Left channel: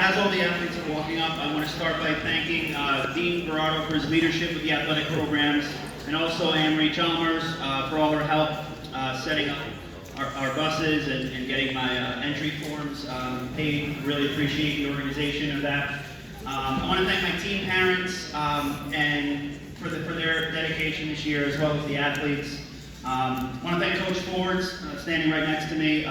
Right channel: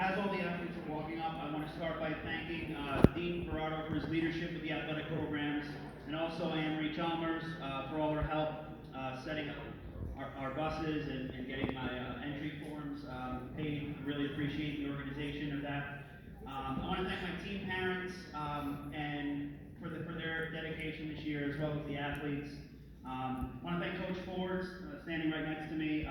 As all the athletes are walking up, I want to start by thanking Dean Berardo for his leadership with the athletic programs, and also Anne-Marie Chalmers for all her help setting up our buses and getting my entry forms paid. Really appreciate the organization of that. I want to thank my team parents and for their dedication this year, as well as the athletes. I want to thank Coach Fords, standing right next to me.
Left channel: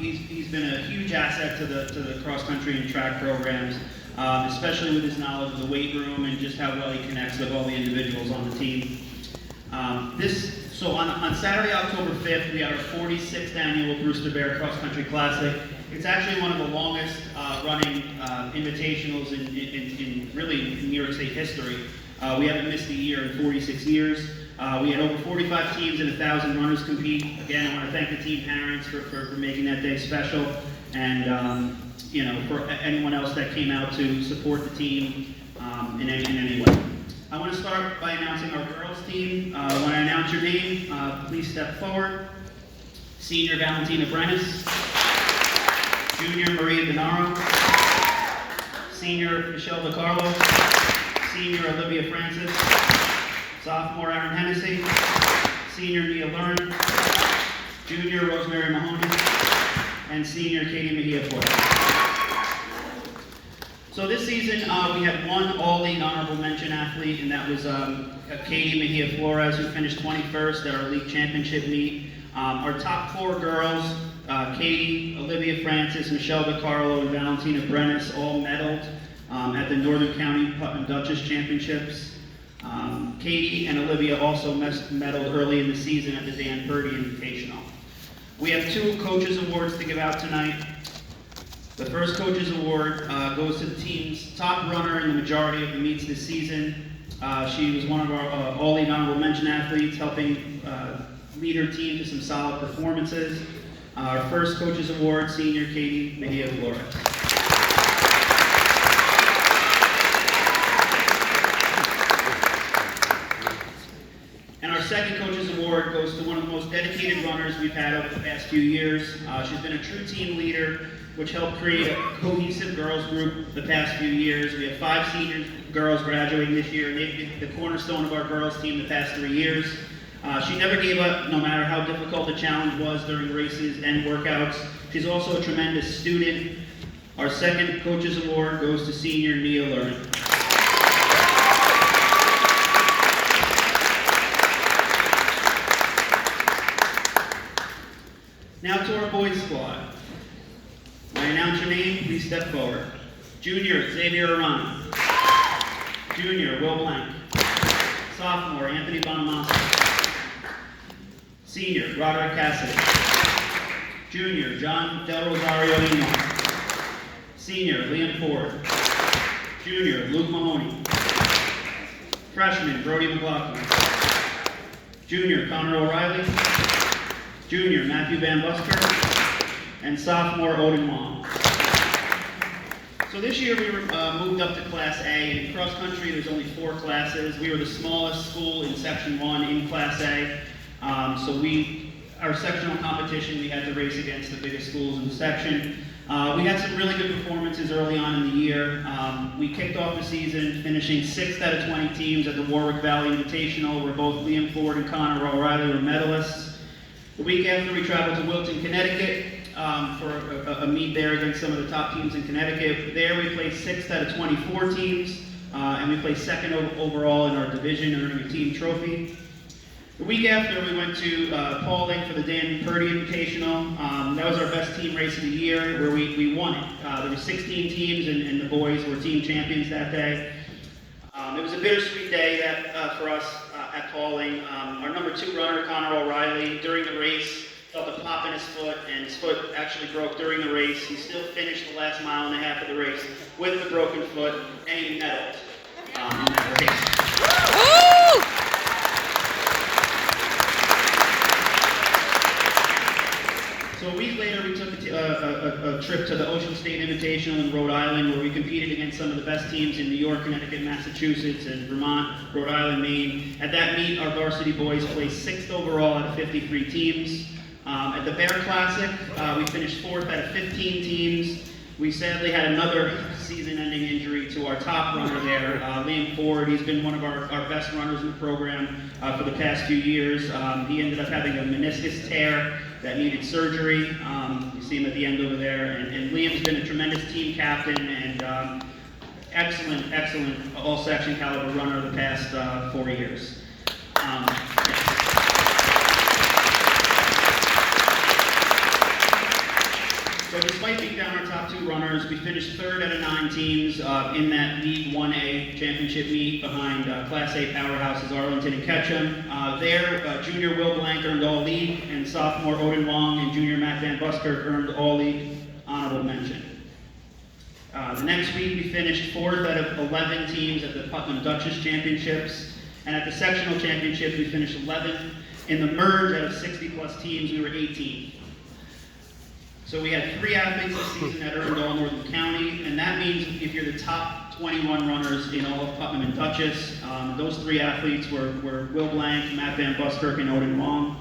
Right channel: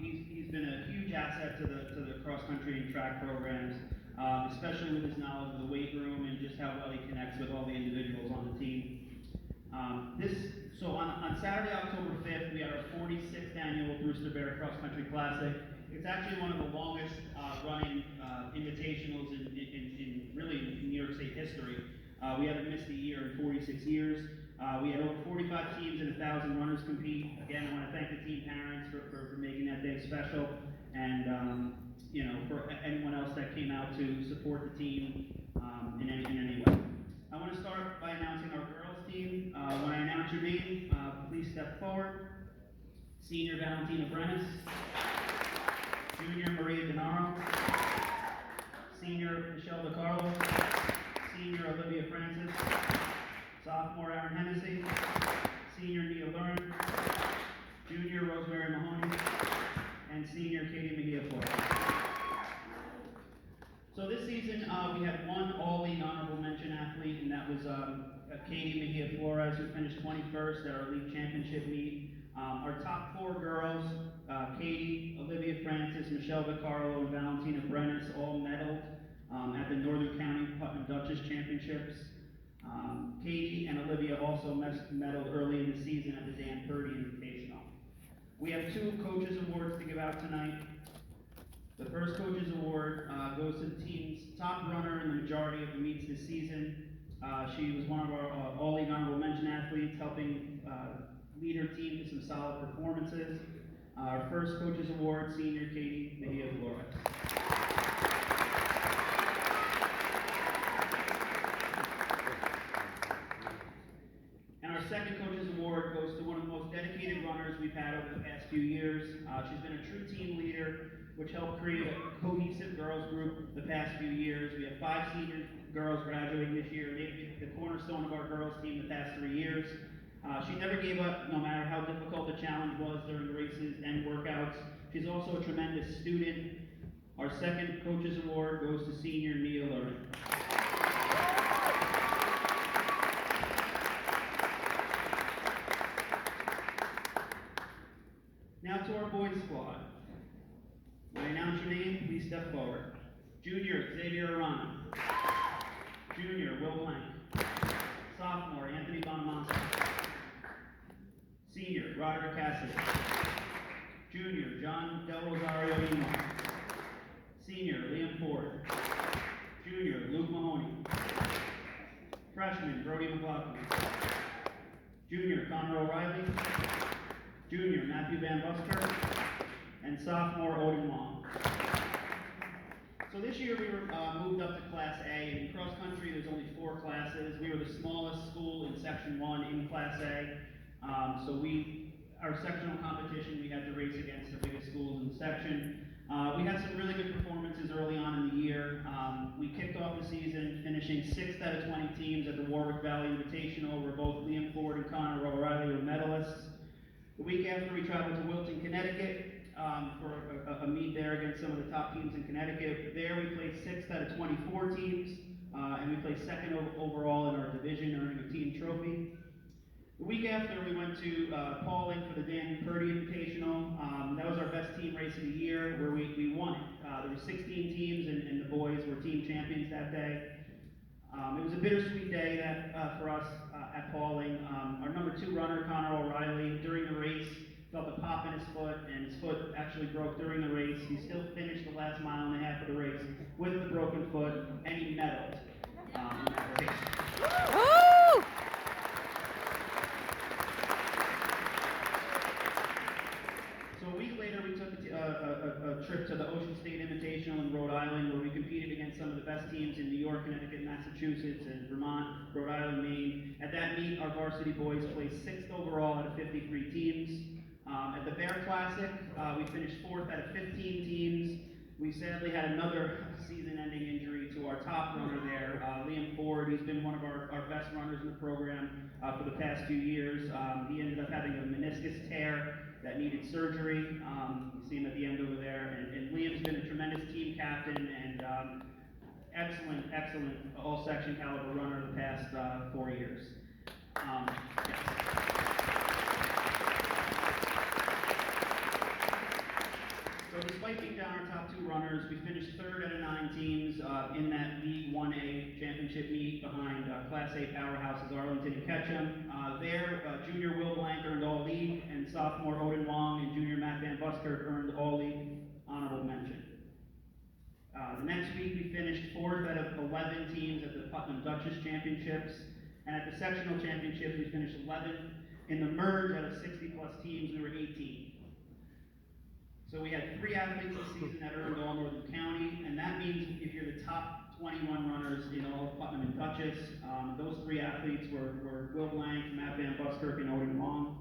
He's been a huge asset to the cross country and track programs, especially with his knowledge of the weight room and just how well he connects with all the individuals on the team. So on Saturday, October 5th, we had our 46th annual Brewster Bear Cross Country Classic. It's actually one of the longest running invitationals in really New York State history. We haven't missed a year in 46 years. We had over 45 teams and 1,000 runners compete. Again, I want to thank the team parents for making that day special, and for anyone else that came out to support the team in any way. I want to start by announcing our girls team. When I announce your name, please step forward. Senior Valentina Brenes, Junior Maria Denaro, Senior Michelle DiCarlo, Senior Olivia Francis, Sophomore Aaron Hennessy, Senior Nia Learn, Junior Rosemary Mahoney, and Senior Katie Mejia Flores. So this season, we had one all-league honorable mention athlete, and that was Katie Mejia Flores, who finished 21st at our league championship meet. Our top four girls, Katie, Olivia Francis, Michelle DiCarlo, and Valentina Brenes, all medaled at the Northern County Putnam Duchess Championships. Katie and Olivia also medaled early in the season at the Dan Purdy Invitational. We have two Coaches Awards to give out tonight. The first Coaches Award goes to the team's top runner in the majority of the meets this season. She was one of our all-league honorable mention athletes, helping lead her team to some solid performances. Our first Coaches Award, Senior Katie Mejia Flores. And our second Coaches Award goes to one of the most dedicated runners we've had over the past few years. She's been a true team leader, which helped create a cohesive girls group the past few years. We have 5 senior girls graduating this year, and they've been the cornerstone of our girls team the past 3 years. She never gave up, no matter how difficult the challenge was during races and workouts. She's also a tremendous student. Our second Coaches Award goes to Senior Nia Learn. Now to our boys squad. When I announce your name, please step forward. Junior, Xavier Arana. Junior, Will Blank. Sophomore, Anthony Bonamassa. Senior, Roderick Cassidy. Junior, John Del Rosario Eno. Senior, Liam Ford. Junior, Luke Mahoney. Freshman, Brody McLaughlin. Junior, Connor O'Reilly. Junior, Matthew Van Busker. And sophomore, Odin Wong. So this year we were moved up to Class A. In cross country, there's only 4 classes. We were the smallest school in Section 1 in Class A. So our sectional competition, we had to race against the biggest schools in the section. We had some really good performances early on in the year. We kicked off the season finishing 6th out of 20 teams at the Warwick Valley Invitational, where both Liam Ford and Connor O'Reilly were medalists. The week after, we traveled to Wilton, Connecticut for a meet there against some of the top teams in Connecticut. There we placed 6th out of 24 teams, and we placed 2nd overall in our division, earning a team trophy. The week after, we went to Paulding for the Dan Purdy Invitational. That was our best team race of the year, where we won it. There were 16 teams, and the boys were team champions that day. It was a bittersweet day for us at Paulding. Our number 2 runner, Connor O'Reilly, during the race, felt a pop in his foot, and his foot actually broke during the race. He still finished the last mile and a half of the race with the broken foot, and he medaled in that race. Woo! So a week later, we took a trip to the Ocean State Invitational in Rhode Island, where we competed against some of the best teams in New York, Connecticut, Massachusetts, and Vermont, Rhode Island, Maine. At that meet, our varsity boys placed 6th overall out of 53 teams. At the Bear Classic, we finished 4th out of 15 teams. We sadly had another season-ending injury to our top runner there, Liam Ford. He's been one of our best runners in the program for the past few years. He ended up having a meniscus tear that needed surgery. You see him at the end over there. And Liam's been a tremendous team captain and excellent all-section caliber runner the past 4 years. Yeah. So despite being down our top 2 runners, we finished 3rd out of 9 teams in that League 1A championship meet behind Class A powerhouses Arlington and Ketchum. Junior Will Blank earned All-League, and sophomore Odin Wong and junior Matt Van Buskirk earned All-League honorable mention. The next week, we finished 4th out of 11 teams at the Putnam Duchess Championships, and at the sectional championship, we finished 11th. In the merge, out of 60-plus teams, we were 18th. So we had 3 athletes this season that earned All Northern County, and that means if you're the top 21 runners in all of Putnam and Duchess, those 3 athletes were Will Blank, Matt Van Buskirk, and Odin Wong.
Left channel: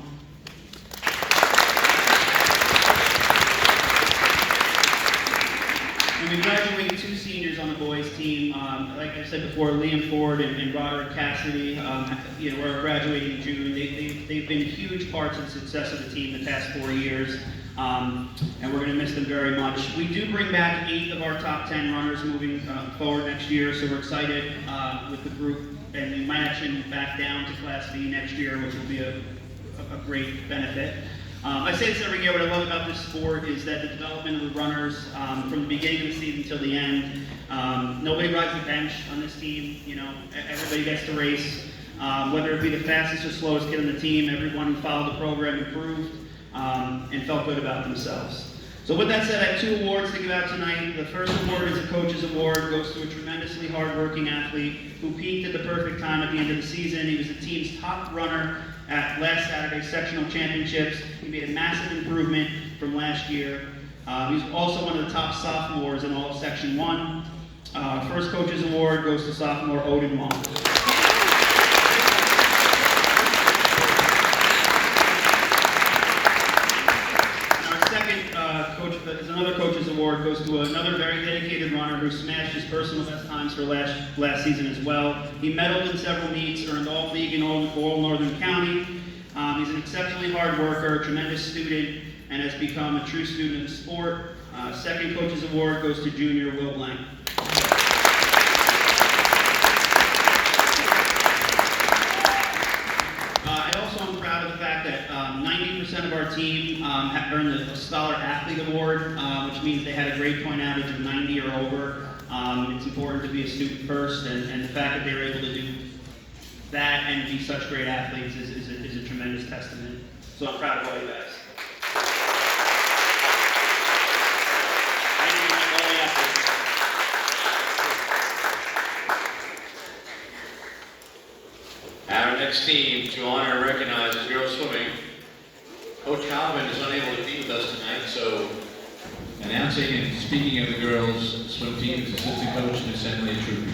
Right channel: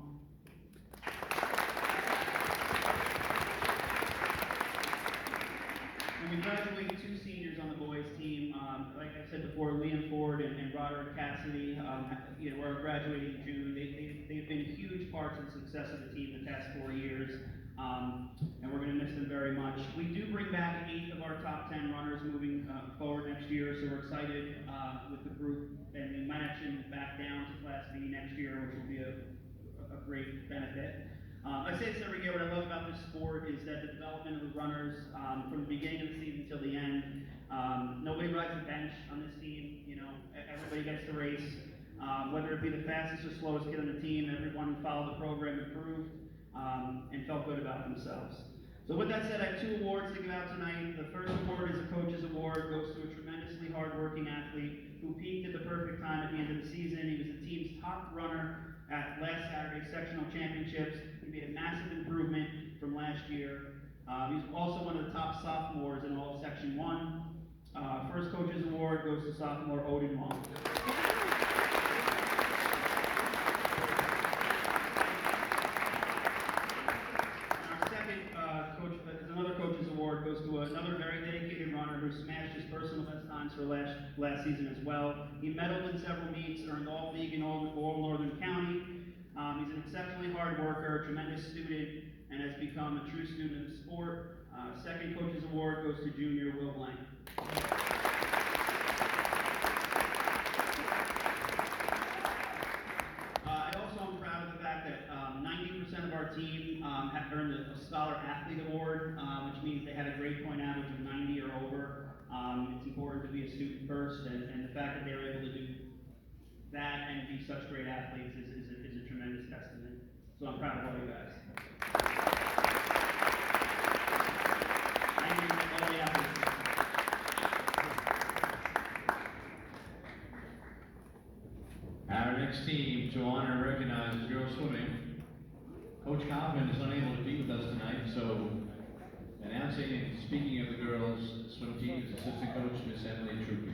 And we graduated 2 seniors on the boys team. Like I said before, Liam Ford and Roderick Cassidy, were graduating in June. They've been huge parts of the success of the team the past 4 years. And we're going to miss them very much. We do bring back 8 of our top 10 runners moving forward next year, so we're excited with the group. And we might actually move back down to Class B next year, which will be a great benefit. I say this every year, what I love about this sport is that the development of the runners from the beginning of the season till the end, nobody rides the bench on this team. Everybody gets to race. Whether it be the fastest or slowest kid on the team, everyone who followed the program improved. And felt good about themselves. So with that said, I have 2 awards to give out tonight. The first award is a coach's award. Goes to a tremendously hard-working athlete who peaked at the perfect time at the end of the season. He was the team's top runner at last Saturday's sectional championships. He made a massive improvement from last year. He was also one of the top sophomores in all of Section 1. First coach's award goes to sophomore Odin Wong. Another coach's award goes to another very dedicated runner who smashed his personal best times for last season as well. He medaled in several meets, earned All-League in all Northern County. He's an exceptionally hard worker, a tremendous student, and has become a true student of the sport. Second coach's award goes to junior Will Blank. That 90% of our team have earned a Scholar Athlete Award, which means they had a grade point average of 90 or over. It's important to be a student first, and the fact that they were able to do that and be such great athletes is a tremendous testament. So I'm proud of all you guys. Thank you, all the athletes. Our next team to honor and recognize is girls swimming. Coach Calvin is unable to be with us tonight, so announcing and speaking of the girls swim team is assistant coach Miss Emily True.